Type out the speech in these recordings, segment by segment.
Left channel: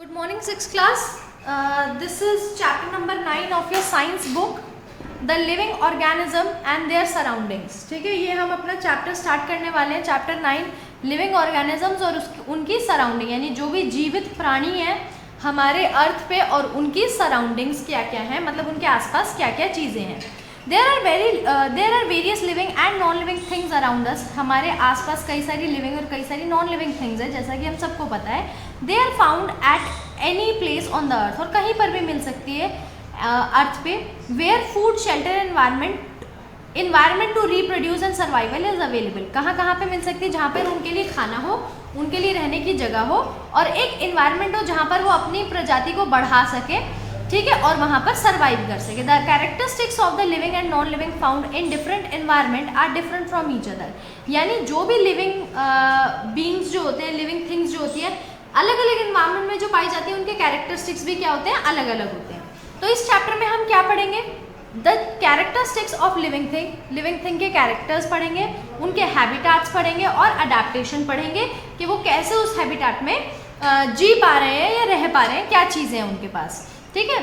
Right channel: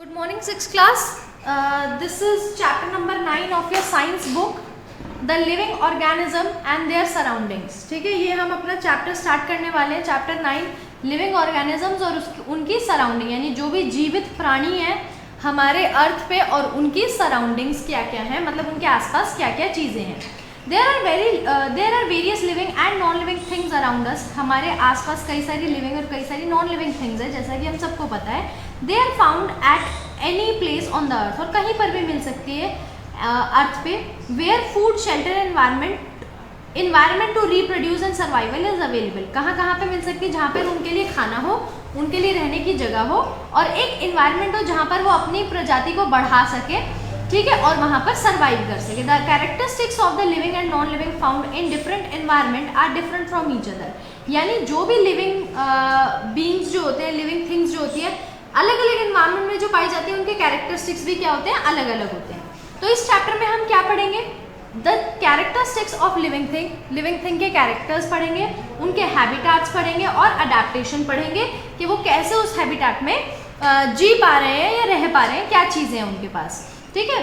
Good morning, sixth class. This is chapter number 9 of your science book, The Living Organism and Their Surroundings. ठीक है, ये हम अपना chapter start करने वाले हैं, चैप्टर 9 लिविंग ऑर्गेनिजम्स और उनकी सराउंडिंग, यानी जो भी जीवित प्राणी हैं हमारे अर्थ पे और उनकी सराउंडिंग्स क्या क्या हैं, मतलब उनके आसपास क्या क्या चीज़ें हैं. There are various living and non living things around us. हमारे आसपास कई सारी लिविंग और कई सारी नॉन लिविंग थिंग्स है, जैसा कि हम सबको पता है. They are found at any place on the earth, और कहीं पर भी मिल सकती है अर्थ पे. Where food shelter environment to reproduce and survival is available. कहाँ कहाँ पे मिल सकती है? जहाँ पर उनके लिए खाना हो, उनके लिए रहने की जगह हो और एक इन्वायरमेंट हो जहाँ पर वो अपनी प्रजाति को बढ़ा सके, ठीक है, और वहाँ पर सर्वाइव कर सके. The characteristics of the living and non living found in different environment are different from each other. यानी जो भी लिविंग बींग्स जो होते हैं, लिविंग थिंग्स जो होती है, अलग अलग एनवायरनमेंट में जो पाई जाती है, उनके कैरेक्टरिस्टिक्स भी क्या होते हैं? अलग अलग होते हैं. तो इस चैप्टर में हम क्या पढ़ेंगे? The characteristics of living thing के कैरेक्टर्स पढ़ेंगे, उनके हैबिटाट्स पढ़ेंगे और अडेप्टेशन पढ़ेंगे कि वो कैसे उस हैबिटाट में जी पा रहे हैं या रह पा रहे हैं, क्या चीज़ें हैं उनके पास. ठीक है,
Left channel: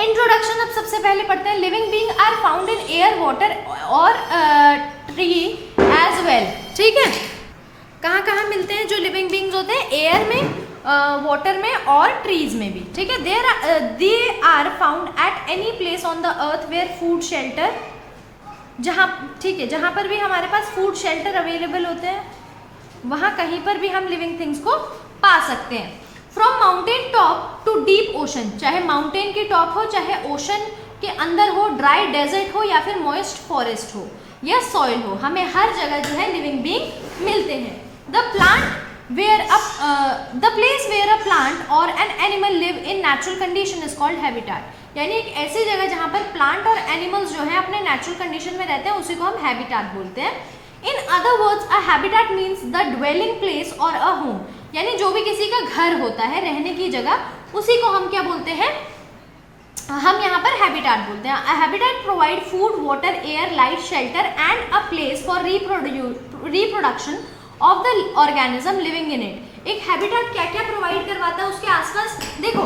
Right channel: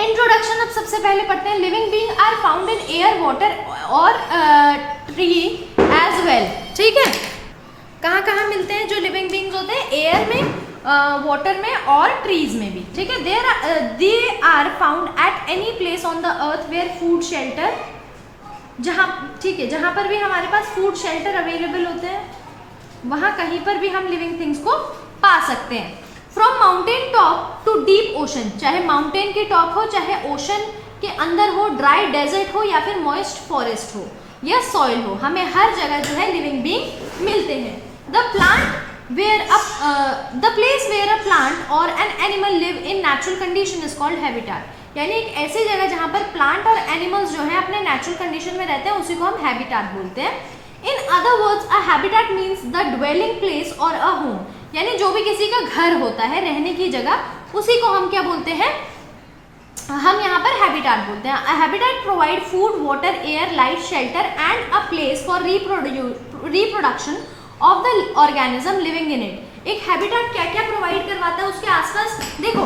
इंट्रोडक्शन अब सबसे पहले पढ़ते हैं. Living being are found in air, water और ट्री एज वेल. ठीक है, कहाँ कहाँ मिलते हैं जो लिविंग बीइंग्स होते हैं? एयर में, वाटर में और ट्रीज में भी. ठीक है, they are found at any place on the earth where food shelter, जहाँ, ठीक है, जहाँ पर भी हमारे पास फूड शेल्टर अवेलेबल होते हैं वहाँ कहीं पर भी हम लिविंग थिंग्स को पा सकते हैं. From mountain top to deep ocean, चाहे माउंटेन की टॉप हो, चाहे ओशन के अंदर हो, ड्राई डेजर्ट हो या फिर मॉइस्ट फॉरेस्ट हो या सॉइल हो, हमें हर जगह जो है लिविंग बीइंग मिलते हैं. The place where a plant or an animal live in natural condition is called habitat. यानी एक ऐसी जगह जहाँ पर प्लांट और एनिमल्स जो है अपने नेचुरल कंडीशन में रहते हैं, उसी को हम हैबिटाट बोलते हैं. In other words, a habitat means the dwelling place और अ होम. यानी जो भी किसी का घर होता है, रहने की जगह, उसी को हम क्या बोलते हैं? हम यहाँ पर हैबिटाट बोलते हैं. A habitat provide food, water, air, light, shelter and a place for reproduction of the organism living in it. एक हैबिटाट क्या क्या प्रोवाइड करवाता है उसके आसपास? देखो,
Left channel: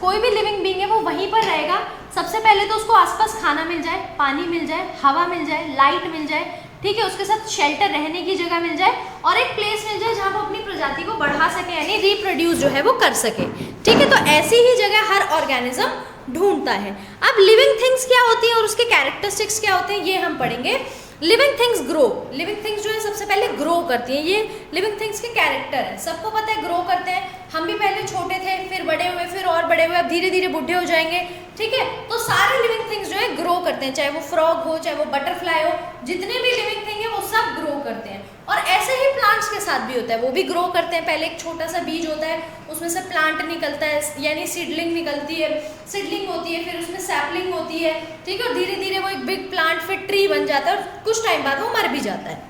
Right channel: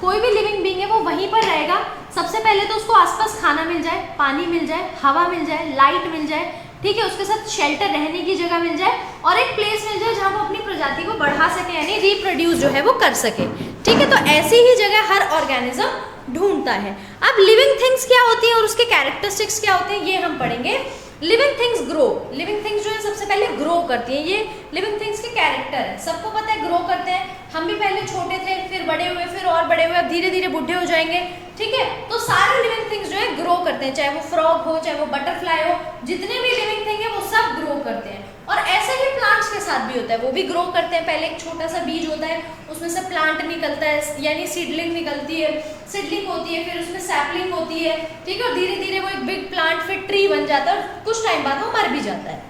कोई भी लिविंग बीइंग है वो वहीं पर रहेगा. सबसे पहले तो उसको आसपास खाना मिल जाए, पानी मिल जाए, हवा मिल जाए, लाइट मिल जाए, ठीक है, उसके साथ शेल्टर, रहने की जगह मिल जाए और एक प्लेस मिल जाए जहाँ वो अपनी प्रजाति को बढ़ा सके, यानी रिप्रोड्यूस जो है वो कर सके. ठीक है, तो ऐसी ही जगह हर ऑर्गेनिज्म ढूंढता है. अब लिविंग थिंग्स क्या होती है और उसके कैरेक्टरिस्टिक्स क्या होते हैं, ये हम पढ़ेंगे. Living things grow. Living things जो है सबसे पहले ग्रो करती हैं. ये लिविंग थिंग्स के कैरेक्टर है, सबको पता है ग्रो करते हैं. हम भी पहले छोटे थे, फिर बड़े हुए, फिर और बड़े हुए, अब धीरे धीरे बुढ़े हो जाएंगे. ठीक है, तो सारे लिविंग थिंग्स जो है ग्रो करते हैं, चाहे वो फ्रॉग हो, चाहे वो बटरफ्लाई हो, जितने भी लिविंग थिंग है वो सब ग्रो करते हैं. और ऐसे ही प्लांट्स के साथ भी होता है, वो भी ग्रो करते हैं. पहले एक छोटा सा बीज होता है, उसमें से प्लांट निकलता है, यानी सीडलिंग निकलती है, सीडलिंग होती है, फिर उसमें सैपलिंग होती है. ठीक है, और धीरे धीरे वो एक बिग प्लांट, फिर ट्री बन जाता है और कुछ टाइम बाद वो मर भी जाता है.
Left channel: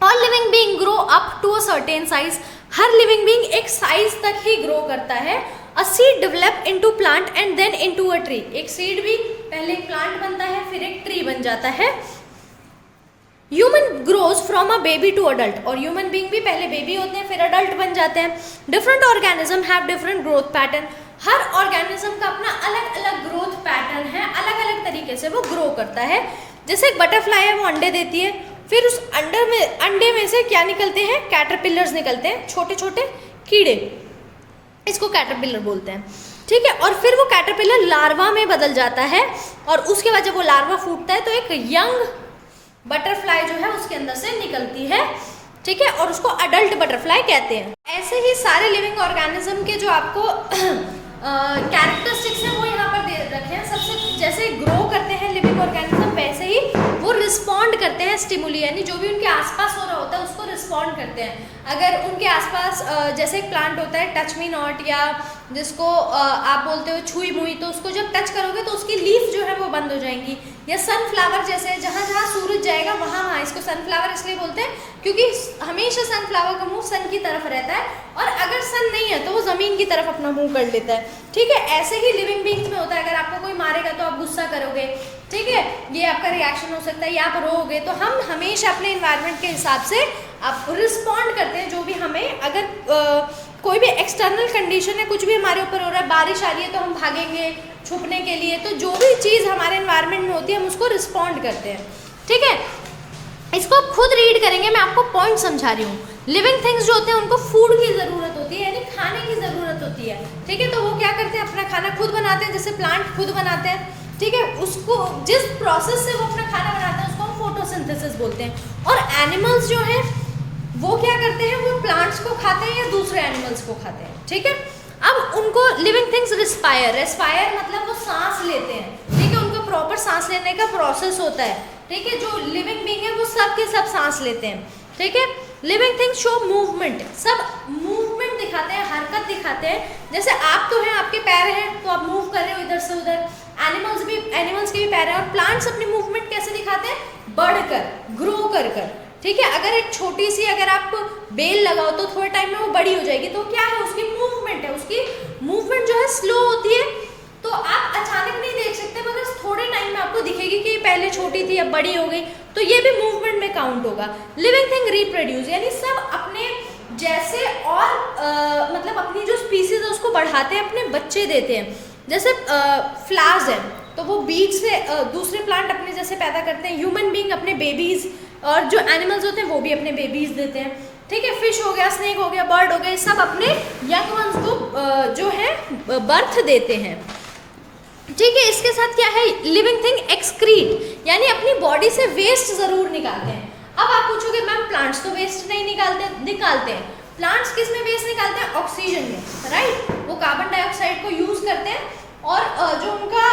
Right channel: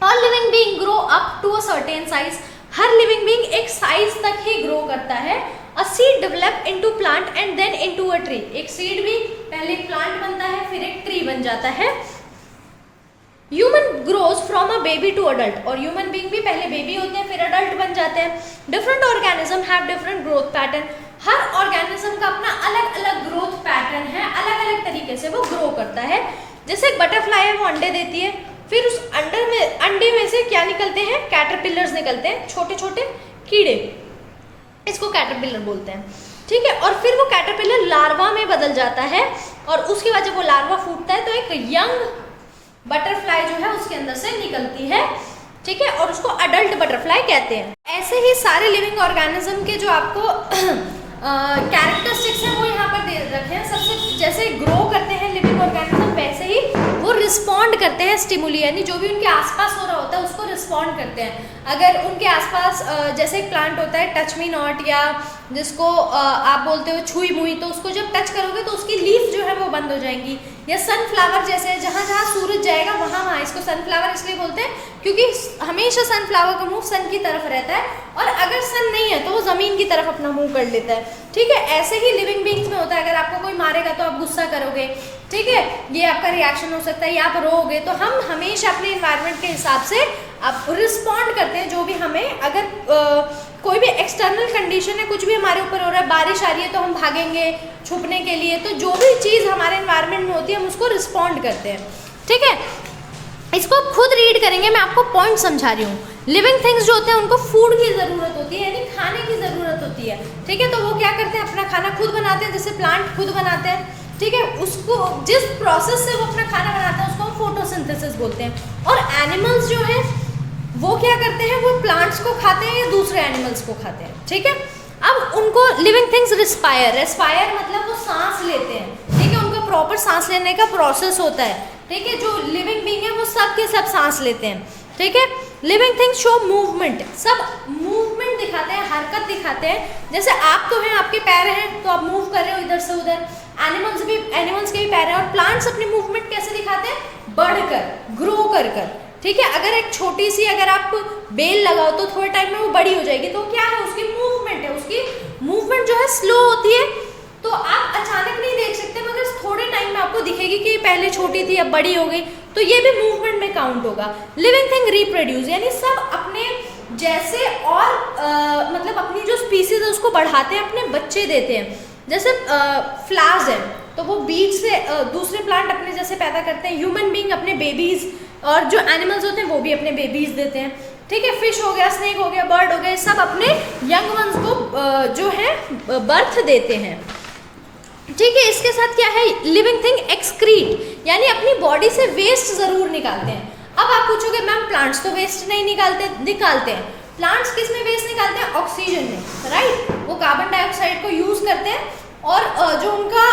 All living being grow up to a certain size. हर लिविंग बीइंग एक साइज तक ही ग्रो करता है. A seed develop into plant and then into a tree. एक सीड भी पहले एक प्लांट बनता है, फिर एक ट्री बन जाता है. Human grows from a baby to adult. और ह्यूमन बीइंग भी पहले बेबी होते हैं, फिर अडल्ट बन जाते हैं. Different organism have different growth pattern. Her organism का अपना अलग अलग ग्रोथ पैटर्न है, अलग अलग तरीके से वो ग्रो करता है. जैसे एक बटरफ्लाई है, वो अंडे देती है, फिर उस अंडे में से क्या निकलते हैं? कैटरपिलर्स निकलते हैं, छोटे छोटे कीड़े, इसको कैटरपिलर बोलते हैं. ठीक है, और फिर वो कैटरपिलर लार्वा में बदल जाता है और उसके बाद जब वो लार्वा फूटता है तो एक यंग बटरफ्लाई जो है उसके अंदर से निकलती है. ठीक है, और उसको अडल्ट बटरफ्लाई कहते हैं. ऐसे ही सारे लिविंग ऑर्गेनिज्म के जो आपको कैरेक्टरिस्टिक्स हैं वो यहाँ पर दे रखे हैं. सबसे जैसे ग्रो करते हैं लिविंग ऑर्गेनिज्म, वैसे ही वो रिस्पॉन्ड करते हैं स्टिमुली, यानी जो भी उनके आसपास हो रहा होता है उसको रिस्पॉन्ड करते हैं. अगर उनके आसपास जैसे एक प्लांट होता है टच मी नॉट, या जिसको आप बोलते हो छुई मुई, तो उसको जब टच करोगे तो उसकी लीफ जो है वो बंद हो जाएंगी. या सनफ्लावर जैसे, जहाँ जहाँ सूरज जाएगा वहाँ वहाँ, इसको सनफ्लावर इसलिए बोलते हैं क्योंकि हमेशा सनफ्लावर का मुंह सन की तरफ रहता है, और अगर सन नहीं है तो वो जमीन की तरफ अपना मुंह कर लेता है. ठीक है, ऐसे ही लिविंग बीइंग्स में होता है. अगर आपको कोई मारेगा तो आप गुस्सा करोगे, ठीक है, ये आपका रिएक्शन हो सकता है, या आप रोओगे. तो हम हमेशा अपने इन्वायरमेंट के हिसाब से आप रिस्पॉन्ड करते हैं जो भी हमें अगर कोई भी एक्सटर्नल कंडीशन है, कुछ भी हमारे ऊपर हो रहा है, बारिश आ रही है तो हम भागेंगे छुपने के लिए, तो जो भी चीज़ हमारे एनवायरनमेंट में होती है हम उसको रिस्पॉन्ड करते हैं, ठीक है। इसको आप खुद रीड करेंगे, मैं आपको पॉइंट समझा रही हूँ। लिविंग थिंग्स जो होते हैं उनको फूड की ज़रूरत होती है, यानी खाने की ज़रूरत होती है, ठीक है। तो वो क्या करते हैं, अपना खाना खुद बनाते हैं, जैसे प्लांट खुद बनाते हैं, ठीक है। उसको जिस प्रोसेस से वो अपना खाना बनाते हैं उसको हम फोटोसिंथेसिस बोलते हैं। और एनिमल्स जो हैं वो क्या करते हैं, वो प्लांट्स को खाते हैं या दूसरे एनिमल्स को खाते हैं, ठीक है। अब उनको लिविंग थिंग्स रेस्पायर मतलब वो सांस लेते हैं, ठीक है। उनका प्रॉपर सांस लेने का प्रोसेस होता है, ठीक है। जो लिविंग बीइंग है वो सब के सब सांस लेते हैं, ठीक है। लिविंग थिंग्स शो मूवमेंट, सब मूवमेंट दिखाते हैं, हरकत दिखाते हैं। जैसे आप तो हैं, आपके पैर हैं तो आप मूव कर रहे हो इधर से उधर, एनिमल्स के भी पैर हैं। और प्लांट्स अपनी मूवमेंट कैसे दिखाते हैं, बढ़कर, ग्रो कर कर, ठीक है। अगर एक छोटी सी अगर आप बेल लगाओ तो थोड़े टाइम में वो बड़ी हो जाएगी, तो क्या है, उसकी मूवमेंट है, उसकी मूवमेंट जो है स्लो होती है, तो आप अचानक नहीं देख सकते, मगर थोड़े टाइम में आपको दिखेगी कि पहले छोटी थी अब बड़ी हो गई, तो ये भी मूवमेंट में काउंट होगा। लिविंग थिंग रिप्रोड्यूस, यानी सब अपने जैसे और मतलब अपनी जो स्पीसीज है उसको बढ़ाते हैं, अपने बच्चे देते हैं। जैसे फ्लावर्स हैं तो वो बीज से दूसरे प्लांट अपने जैसे पैदा करते हैं, ह्यूमन बीइंग अपने बेबीज, और जो एनिमल्स होते हैं वो भी अपने बेबीज देते हैं, ठीक है। फिश हो गया, स्नेक हो गया, बर्ड हो गए, सब अपने यंग वंस को जो है बर्थ देते हैं, ठीक है। इसके साथ क्या है, लिविंग थिंग एक्सक्रीट, यानी अपनी बॉडी से वेस्ट जरूर निकालते हैं। अब आप पूछोगे मैम प्लांट्स तो वेस्ट नहीं निकालते हैं। प्लांट्स किस में वेस्ट निकालते हैं, ऑक्सीजन में, राइट। वो कार्बन डाइऑक्साइड को यूज करते हैं और जो उनका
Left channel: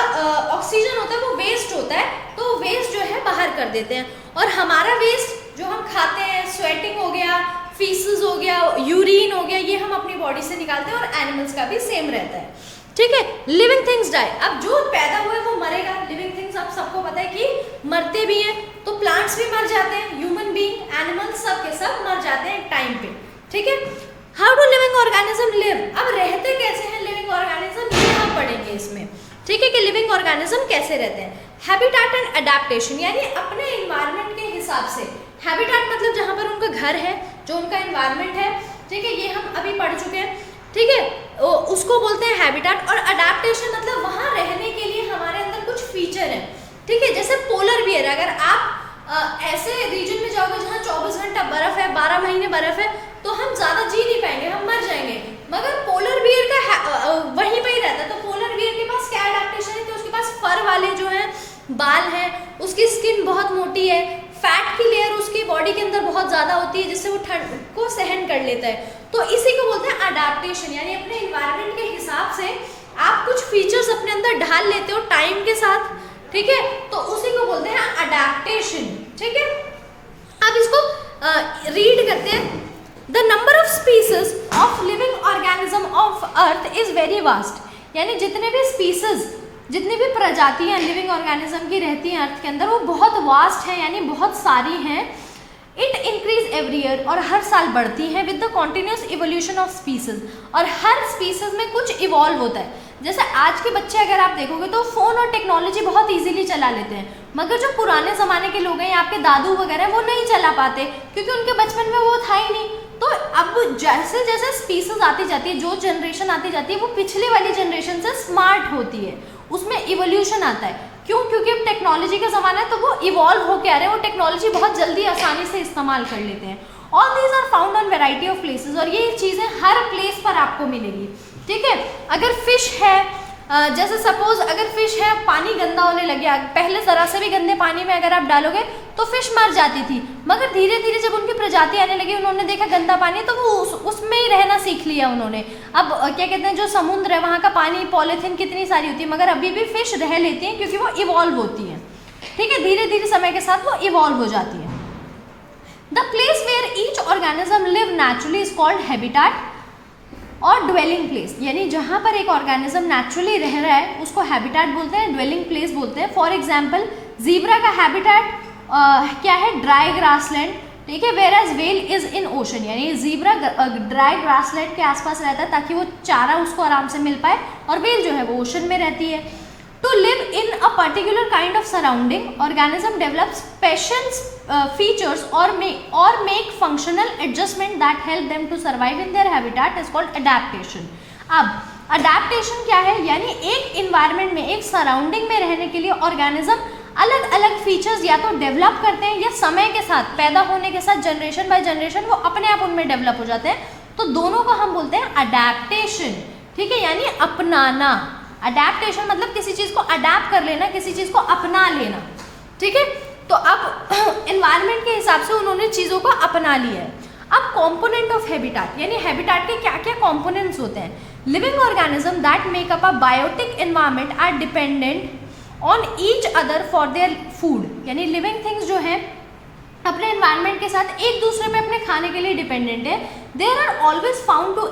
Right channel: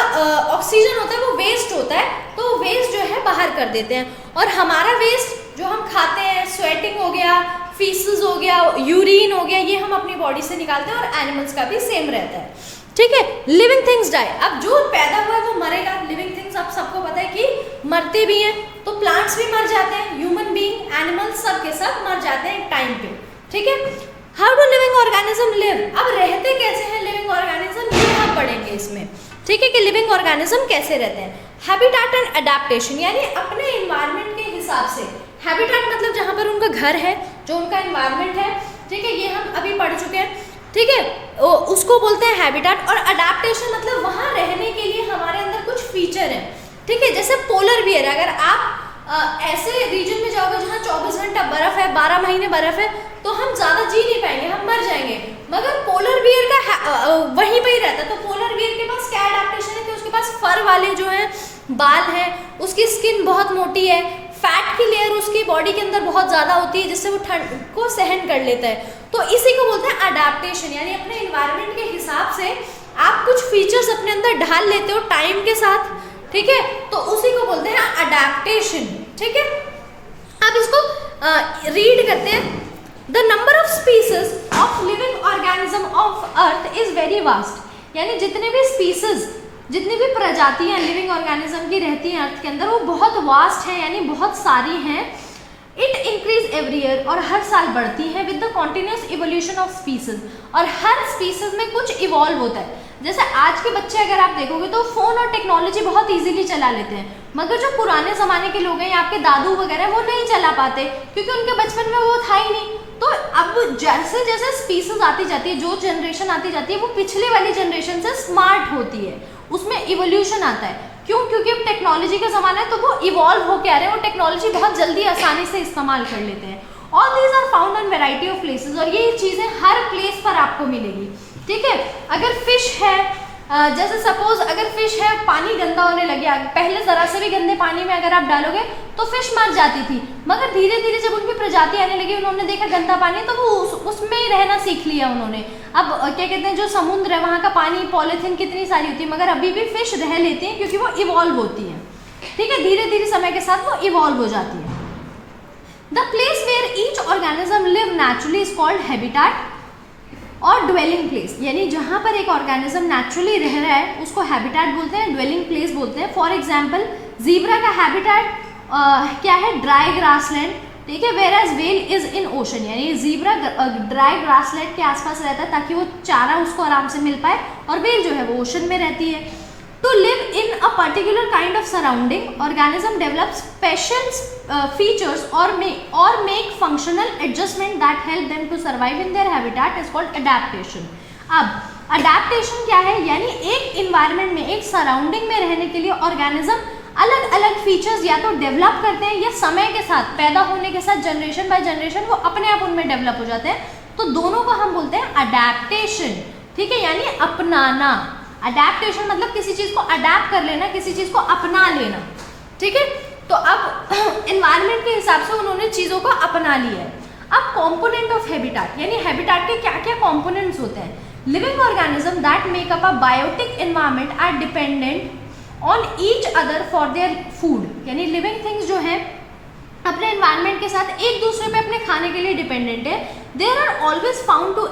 ऑक्सीजन होता है वो वेस्ट होता है, तो वेस्ट जो है बाहर कर देते हैं। और हमारा वेस्ट जो हम खाते हैं, स्वेटिंग हो गया, फीसेस हो गया, यूरिन हो गया, ये हम अपनी बॉडी से निकालते हैं, और एनिमल्स का भी सेम रहता है, ठीक है। लिविंग थिंग्स डाई, अब जो पैदा हुआ है वो मरेगा। लिविंग थिंग्स आप सबको पता है कि मरते भी हैं, तो प्लांट्स भी मर जाते हैं, ह्यूमन बीइंग, एनिमल्स सब के सब मर जाते हैं टाइम पे, ठीक है। How do living organism live, अब रहते कैसे हैं लिविंग ऑर्गेनिज्म, ये हम पढ़ेंगे इसमें, ठीक है, कि लिविंग ऑर्गेनिज्म कैसे रहते हैं। हैबिटेट एंड अडेप्टेशन, यानी अपने एनवायरनमेंट के हिसाब से, हैबिटेट मतलब जहाँ पर उनका घर है, जो उनका एनवायरनमेंट है, ठीक है, ये हम अभी पढ़ चुके हैं, ठीक है, उसको बोलते हैं हैबिटेट। और अडेप्टेशन मतलब वहाँ रहने के लिए हमारे अंदर कुछ फीचर हैं, ठीक है। जैसे पोलर बियर, अगर आप ऐसे रीजन में जाओगे जहाँ 24 घंटा बर्फ है, 12 महीने बर्फ है, तो हम ज़्यादा जी नहीं पाएंगे, हम मर जाएंगे। मगर पोलर बियर का वहीं पे ही रहता है, तो पोलर बियर के पास क्या एडेप्टेशन है कि उसके पास फर वाले जो है बाल हैं, उसकी स्किन बहुत मोटी है, फैट की लेयर उसकी बॉडी के अंदर बहुत ज़्यादा होती है, जिससे वो ठंड को सहन कर लेता है। तो इसी को बोलते हैं अडेप्टेशन, यानी अपने इन्वायरमेंट के हिसाब से आप कुछ फीचर्स अपने अंदर ढाल लेते हो टाइम के साथ, ठीक है, तो उसी को बोलते हैं अडेप्टेशन, ठीक है। अब इसको रीड करते हैं। The number of species of living organism of earth is very vast, यानी जितने भी स्पीसीज, जितनी भी प्रजातियां लिविंग ऑर्गेनिज्म की रहती हैं अर्थ के अंदर, वो बहुत वास्ट है, यानी बहुत सारी हैं। इट इंक्रीज एवरी ईयर, और हर साल बढ़ती है with the continuous evolution of species, और हर स्पीसीज में कुछ इवॉल्व होता है। जैसे आज के बच्चे अगर आप देखोगे तो फ़ोन और टेक्नोलॉजी बहुत इजीली चला लेते हैं, मगर जो पुराने ज़माने के लोग हैं या आपके दादू वगैरह वो नहीं चला पाते, क्योंकि उनके बचपन में वो था ही नहीं। तो अब जैसे जैसे स्पीसीज आती जाती है, जो जनरेशन आती जाती है, वो पिछले वाली जनरेशन से स्मार्ट होती है, उसमें इवोल्यूशन आता है। क्यों? क्योंकि अब टेक्नोलॉजी का ज़माना है, तो वो इवॉल्व होकर आ रहे हैं, वो टेक्नोलॉजी बहुत जल्दी आसानी से इस्तेमाल कर लेते हैं। All these are found on variety of places, और ये चीज़ें हर प्लेस पर आपको मिलेगी, ठीक है। अगर फिश है, जैसे सपोज अगर फिश है, पानी गंदा होने लग गया, पहले ज़रा से भी गंदे पानी में अगर आप डालोगे तो फिश मर जाती थी, मगर धीरे धीरे जब उनकी प्रजाति आने लगी, उन्होंने देखा गंदा पानी, तो वो उसमें ही रहना सीख लिया उन्होंने। अब क्या कहते हैं, जो समुद्र है वहाँ का पानी, पॉलीथीन कितनी सारी होती है, मगर अभी भी फिश रह लेती हैं क्योंकि वो इवॉल्व होती है, ठीक है, धीरे धीरे समय के साथ वो इवॉल्व हो जाती है। The place where each organism live naturally is called habitat और ड्वेलिंग प्लेस, यानी जहाँ पर एक ऑर्गेनिज्म नेचुरली रह रहा है उसको हैबिटेट बोलते हैं, ड्वेलिंग प्लेस बोलते हैं। फॉर एग्जांपल जीब्रा का हैबिटेट क्या है, ड्राई ग्रासलैंड, ठीक है, where as well is in ocean, यानी जीब्रा ड्राई ग्रासलैंड के आसपास रहता है ताकि वो चारा उसको आराम से मिल पाए, और वेल जो है वो ओशन में रहती है, To live in a particular kind of surrounding, organism develop special features or make functional adjustment that help them to survive in their habitat is called adaptation. अब adaptation क्या है, यानी एक environment में, एक surrounding में रहने के लिए organism अलग अलग फीचर्स या तो डेवलप करते हैं या समय के साथ, पैदा होने के साथ, जनरेशन बाय जनरेशन वो अपने आप उनमें डेवलप हो जाते हैं, तो दोनों को हम बोलते हैं अडैप्टेशन, ठीक है, यानी अपनाना। अडैप्टेशन मतलब किसी चीज को अडैप्ट कर लेना, किसी चीज को अपना लेना, ठीक है। तो अब एनवायरनमेंट के हिसाब से उन्होंने चीजों को अपना लिया है। अब कंपोनेंट ऑफ हैबिटेट, यानी हैबिटेट के क्या क्या कंपोनेंट्स होते हैं। Living organism that make up a biotic environment are dependent on each other for their food, यानी लिविंग थिंग्स जो है अपने एनवायरनमेंट के साथ एक दूसरे पे अपने खाने के लिए डिपेंडेंट है। There are always found to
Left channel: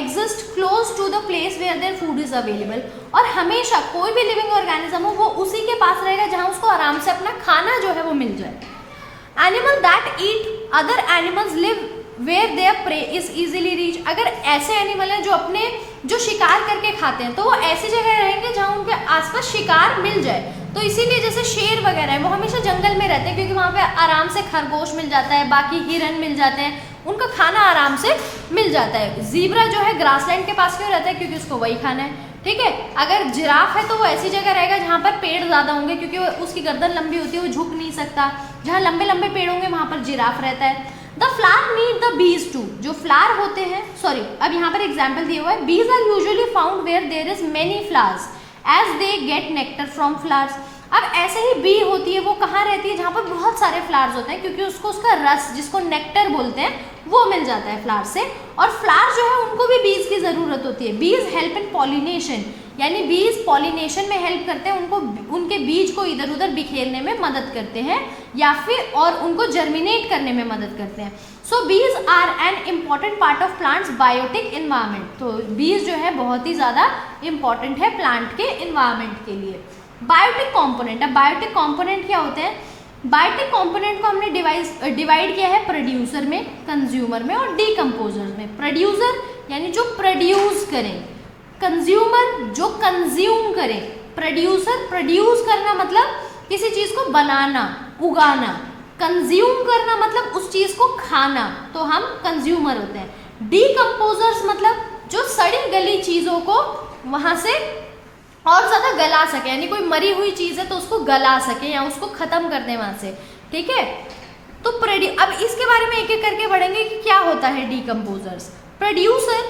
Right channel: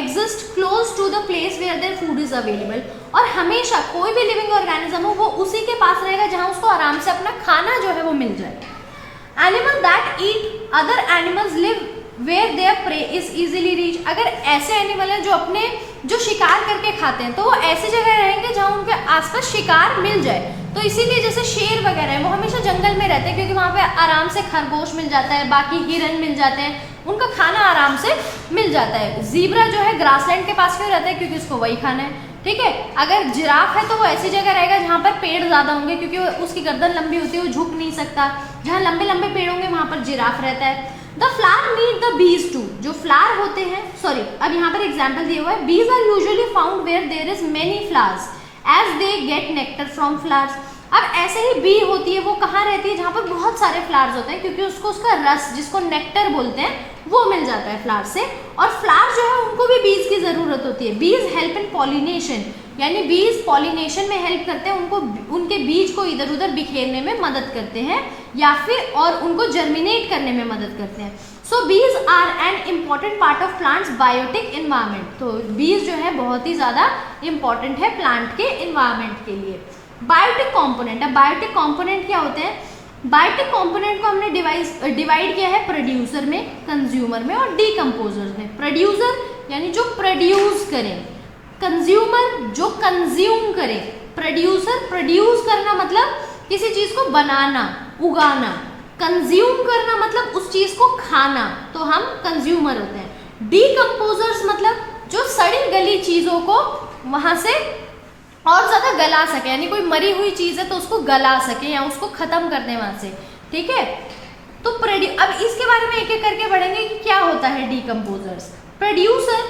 exist close to the place where their food is available, और हमेशा कोई भी लिविंग ऑर्गेनिज्म हो वो उसी के पास रहेगा जहाँ उसको आराम से अपना खाना जो है वो मिल जाए। Animal that eat other animals live where their prey is easily reach, अगर ऐसे एनिमल हैं जो अपने जो शिकार करके खाते हैं तो वो ऐसी जगह रहेंगे जहाँ उनके आसपास शिकार मिल जाए। तो इसीलिए जैसे शेर वगैरह है वो हमेशा जंगल में रहते हैं क्योंकि वहाँ पे आराम से खरगोश मिल जाता है, बाकी हिरन मिल जाते हैं, उनका खाना आराम से मिल जाता है। ज़ीब्रा जो है ग्रासलैंड के पास क्यों रहता है, क्योंकि उसको वही खाना है, ठीक है। अगर जिराफ है तो वो ऐसी जगह रहेगा जहाँ पर पेड़ ज़्यादा होंगे क्योंकि उसकी गर्दन लंबी होती है, वो झुक नहीं सकता, जहाँ लंबे लंबे पेड़ होंगे वहाँ पर जिराफ रहता है। The flower need the bees to, जो फ्लावर होते हैं, सॉरी अब यहाँ पर एग्जाम्पल दिया हुआ है, bees are usually found where there is many flowers as they get nectar from flowers. अब ऐसे ही बी होती है, वो कहाँ रहती है, जहाँ पर बहुत सारे फ्लावर्स होते हैं क्योंकि उसको उसका रस, जिसको नेक्टर बोलते हैं, वो मिल जाता है फ्लावर से। और फ्लावर जो है उनको भी बीज की ज़रूरत होती है। बीज हेल्प इन पॉलिनेशन, यानी बीज पॉलिनेशन में हेल्प करते हैं, उनको उनके बीज को इधर उधर बिखेरने में मदद करते हैं या फिर और उनको जर्मिनेट करने में मदद करते हैं। So bees are an important part of plants biotic environment, तो बीज जो है बहुत ही ज़्यादा इम्पॉर्टेंट है प्लांट के इन्वायरमेंट के लिए। बायोटिक कॉम्पोनेंट, अब बायोटिक कॉम्पोनेंट क्या होते हैं। बायोटिक कॉम्पोनेंट को हमने डिवाइड किया है प्रोड्यूसर में, कंज्यूमर में और डीकम्पोजर में। प्रोड्यूसर यानी जो प्रोड्यूस करें, कंज्यूमर जो कंज्यूम करें। प्रोड्यूसर प्रोड्यूस करना मतलब किसी चीज को बनाना, उगाना। कंज्यूम करना मतलब उस चीज को खाना, तो हम कंज्यूमर होते हैं। डीकम्पोजर्स मतलब जो सड़ी गली चीजों को वहां से और ज़्यादा गला सके, यानी कोई मरी हुई चीज़ है तो उसको गला सके या उसको ख़त्म कर दें वहाँ से, ठीक है। तो अब इसके बारे में एक एक करके पढ़ेंगे कि क्या होता है डीकम्पोजर्स। प्रोड्यूसर,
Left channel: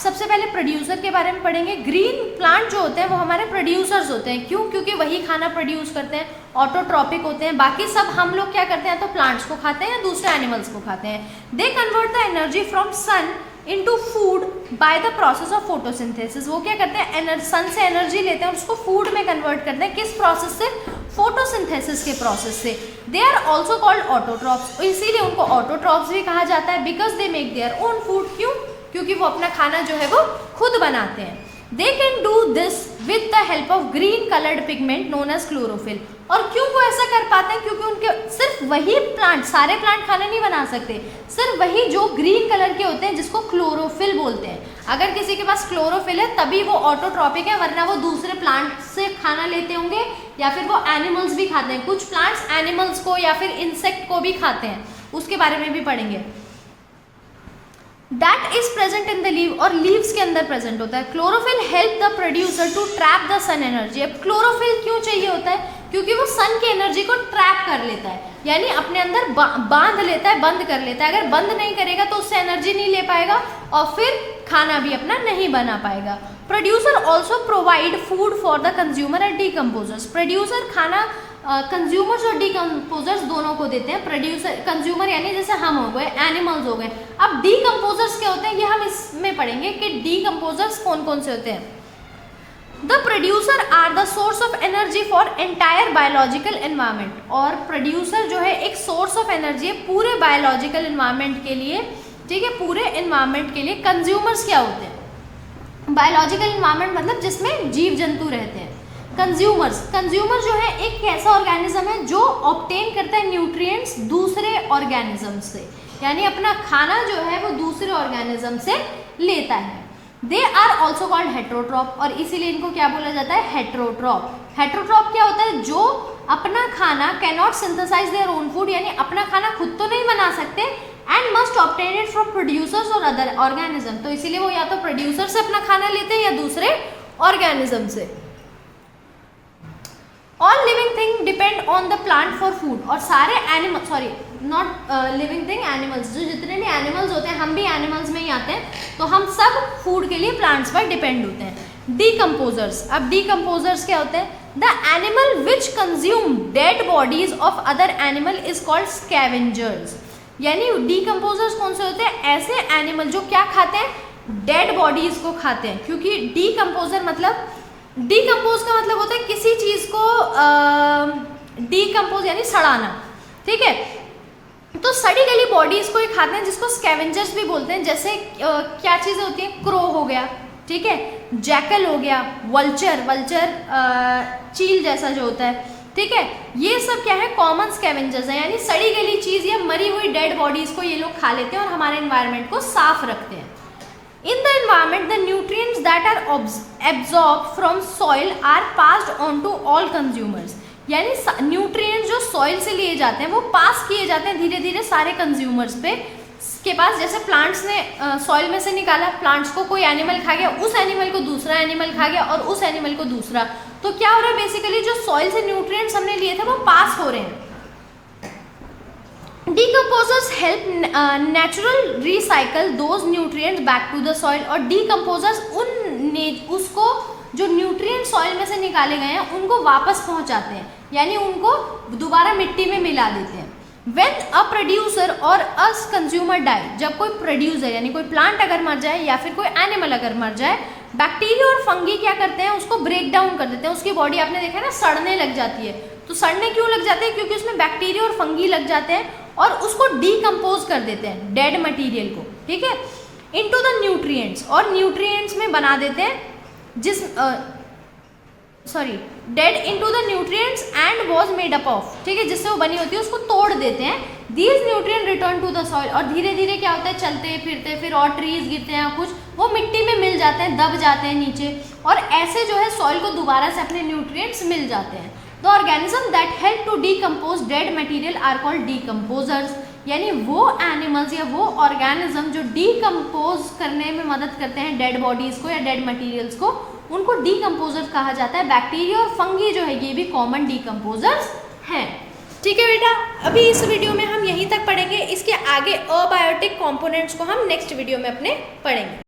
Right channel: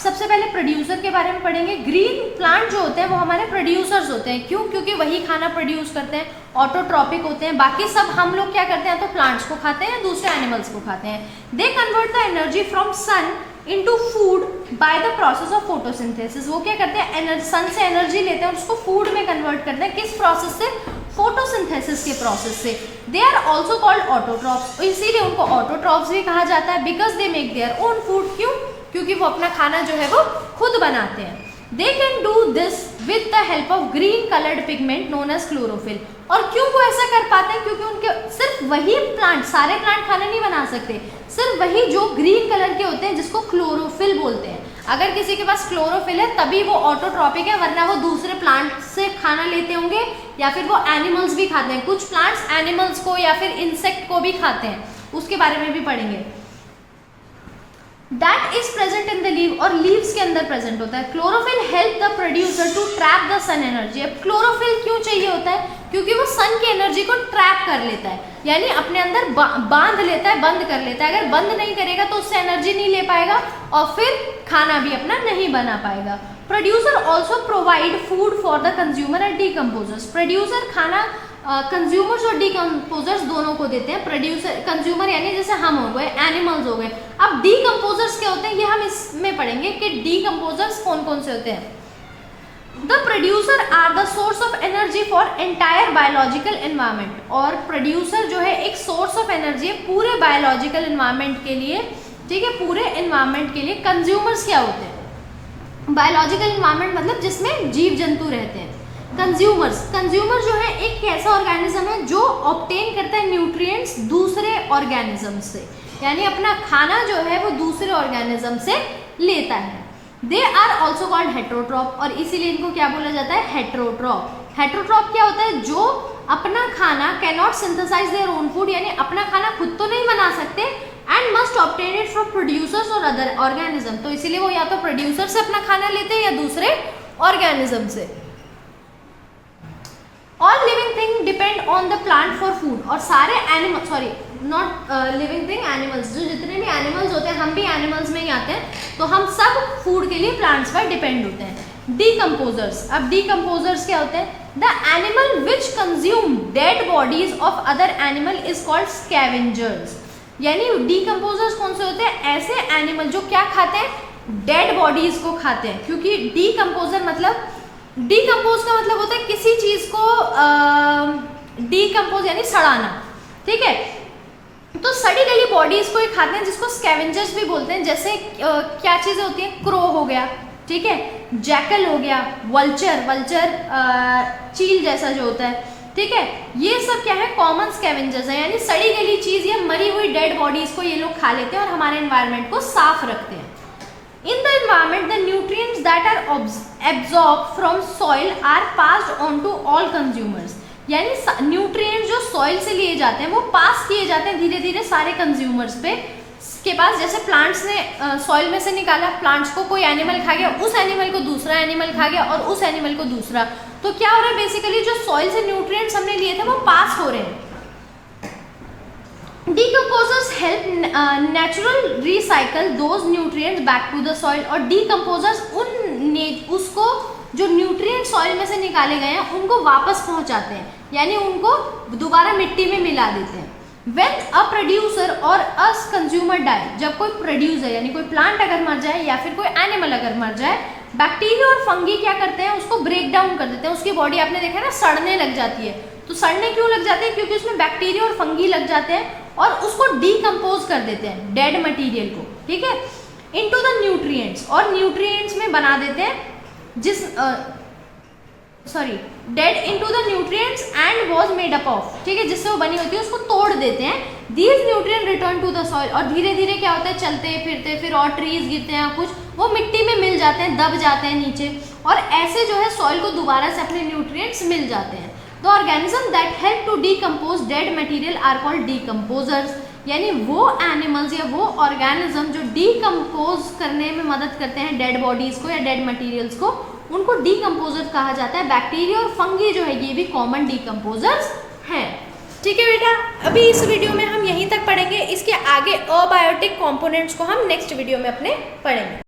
सबसे पहले प्रोड्यूसर के बारे में पढ़ेंगे। ग्रीन प्लांट जो होते हैं वो हमारे प्रोड्यूसर्स होते हैं, क्यों, क्योंकि वही खाना प्रोड्यूस करते हैं, ऑटोट्रॉपिक होते हैं। बाकी सब हम लोग क्या करते हैं, तो प्लांट्स को खाते हैं या दूसरे एनिमल्स को खाते हैं। They convert the energy from sun into food by the process of photosynthesis. वो क्या करते हैं, सन से एनर्जी लेते हैं और उसको फूड में कन्वर्ट करते हैं। किस प्रोसेस से, फोटोसिंथेसिस के प्रोसेस से। They are also called autotrophs, तो इसीलिए उनको ऑटोट्रॉप्स भी कहा जाता है। Because they make their own food, क्यों, क्योंकि वो अपना खाना जो है वो खुद बनाते हैं। They can do this with the help of green coloured pigment known as chlorophyll. और क्यों वो ऐसा कर पाते हैं, क्योंकि उनके सिर्फ वही प्लांट, सारे प्लांट खाना नहीं बना सकते, सिर्फ वही जो ग्रीन कलर के होते हैं जिसको क्लोरोफिल बोलते हैं। अगर किसी के पास क्लोरोफिल है तभी वो ऑटोट्रॉपिक है, वरना वो दूसरे प्लांट से खाना लेते होंगे या फिर वो एनिमल्स भी खाते हैं। कुछ प्लांट्स एनिमल्स को या फिर इंसेक्ट को भी खाते हैं, उसके बारे में भी पढ़ेंगे। That is present in the leave, और लीव्स के अंदर प्रेजेंट होता है। Chlorophyll help the producer to trap the sun energy. अब क्लोरोफिल क्यों चाहिए होता है, क्योंकि वो सन की एनर्जी को ट्रैप कर लेता है, यानी अपने अंदर बांध लेता है, बंद कर लेता है। अगर बंद नहीं करेगा तो उससे एनर्जी नहीं ले पाएगा और फिर खाना भी अपना नहीं बना पाएगा। Producer also provide food for the consumer and decomposers. Producer खाना कंज्यूमर्स और डीकम्पोजर्स दोनों को देते हैं। प्रोड्यूसर, कंज्यूमर यानी जैसे हम हो गए, एनिमल्स हो गए। अब डीकम्पोजर्स क्या होते हैं ये हम इसमें पढ़ेंगे कि डीकम्पोजर्स कौन कौन से होते हैं। The producer are the source of energy for entire biological environment. और प्रोड्यूसर जो है एक सोर्स ऑफ एनर्जी है पूरे बायोलॉजिकल एनवायरनमेंट के लिए, ठीक है, पूरे एनवायरनमेंट के लिए। कंज्यूमर्स क्या होते हैं, बायोलॉजिकल एनवायरनमेंट मतलब जिसमें जीव जंतु रहते हैं। कंज्यूमर्स, कंज्यूमर जो है एक ऐसा ऑर्गेनिज्म है जो ऑब्टेन करता है न्यूट्रिएंट्स दूसरे ऑर्गेनिज्म से, यानी अपना खाना जो है वो दूसरे ऑर्गेनिज्म से लेता है। They are also called heterotroph, और इसीलिए इनको क्या बोला जाता है, हेट्रोट्रॉप। हेट्रोट्रॉप क्या होता है, जो अपना खाना cannot synthesize their own food, यानी अपना खाना खुद तो नहीं बना सकते, and must obtain it from producers और अदर ऑर्गेनिज्म, तो इसीलिए वो या तो प्रोड्यूसर से अपना खाना लेते हैं या दूसरे ऑर्गेनिज्म से। All living thing depend on the plant for food, और सारे animal, sorry not living thing, animals, जो जितने भी एनिमल्स होते हैं, हम भी एनिमल्स में ही आते हैं, तो हम सब फूड के लिए प्लांट्स पर डिपेंड होते हैं। डीकम्पोजर्स, अब डीकम्पोजर्स क्या होते हैं, the animal which consume dead bodies of other animal is called scavengers, यानी डीकम्पोजर्स कौन से होते हैं, ऐसे एनिमल जो क्या खाते हैं, डेड बॉडीज को खाते हैं, क्योंकि डीकम्पोजर मतलब, डीकम्पोज का मतलब होता है किसी चीज को डीकम्पोज यानी सड़ाना, ठीक है, तो सड़ी गली बॉडीज को ही खाते हैं, जिसको स्कैवेंजर्स भी बोलते हैं। जैसे क्या चीजें होती हैं, क्रो हो गया, ठीक है, जैकल हो गया, वल्चर, वल्चर चील जैसा जो होता है, ठीक है, ये सब क्या है, कॉमन स्कैवेंजर्स है, यानी सड़ी गली चीज या मरी हुई डेड बॉडीज को ये लोग खा लेते हैं और हमारे एनवायरनमेंट को साफ रखते हैं। In the environment, the nutrients that are absorbed from soil are passed on to all consumers, यानी न्यूट्रिएंट जो सॉइल से लिए जाते हैं वो पास किए जाते हैं धीरे धीरे सारे कंज्यूमर्स के पास। जैसे प्लांट्स ने सॉइल में से निकाला, प्लांट्स को कोई एनिमल खा गया, उस एनिमल को दूसरा एनिमल खा गया और उस एनिमल को दूसरा, तो क्या हो रहा है, बेसिकली जो सॉइल से न्यूट्रिएंट्स हमने लिए थे वो पास हो रहे हैं। Decomposers help natural recycle those nutrients back to the soil, और decomposers उसको जो न्यूट्रिएंट सॉइल में से निकाले गए हैं उनको वापस पहुंचाते हैं, यानी उनको दोबारा मिट्टी में मिला देते हैं। When a producer or a consumer die, जब कोई प्रोड्यूसर यानी कोई प्लांट अगर मर जाए या फिर कोई एनिमल अगर मर जाए, बैक्टीरिया और फंगी क्या करते हैं, उसको ब्रेक डाउन कर देते हैं, उसकी बॉडी आपने देखा ना सड़ने लग जाती है, तो सड़ने क्यों लग जाते हैं, क्योंकि उसमें बैक्टीरिया और फंगी लग जाते हैं और उसको डीकम्पोज कर देते हैं डेड मटेरियल को, ठीक है, इनटू द न्यूट्रिएंट्स, और न्यूट्रिएंट्स में बना देते हैं, जिस dead into the nutrients and was made up of, ठीक है, जिससे वो बनी होती है उसको तोड़ देते हैं। These nutrient return to the soil, और धीरे धीरे क्या होता है, चलते फिरते फिर और ट्रीज गिरते हैं कुछ, वो मिट्टी में मिल जाते हैं, दब जाते हैं नीचे, और ऐसे जो है सॉइल को दोबारा से अपने न्यूट्रिएंट्स मिल जाते हैं। The organism that help to decompose dead material are called decomposers, यानी वो एनिमल्स या वो ऑर्गेनिज्म जो डीकम्पोज करने में मदद करते हैं डेड बॉडीज को या डेड मटेरियल्स को, उनको डीकम्पोजर कहा जाता है। बैक्टीरिया और फंगी जो है ये भी कॉमन डीकम्पोजर्स हैं। ठीक है बेटा, अभी इस वीडियो में हम यहीं तक पढ़ेंगे, इसके आगे अबायोटिक कंपोनेंट्स को हम नेक्स्ट वीडियो में अपने पढ़ेंगे।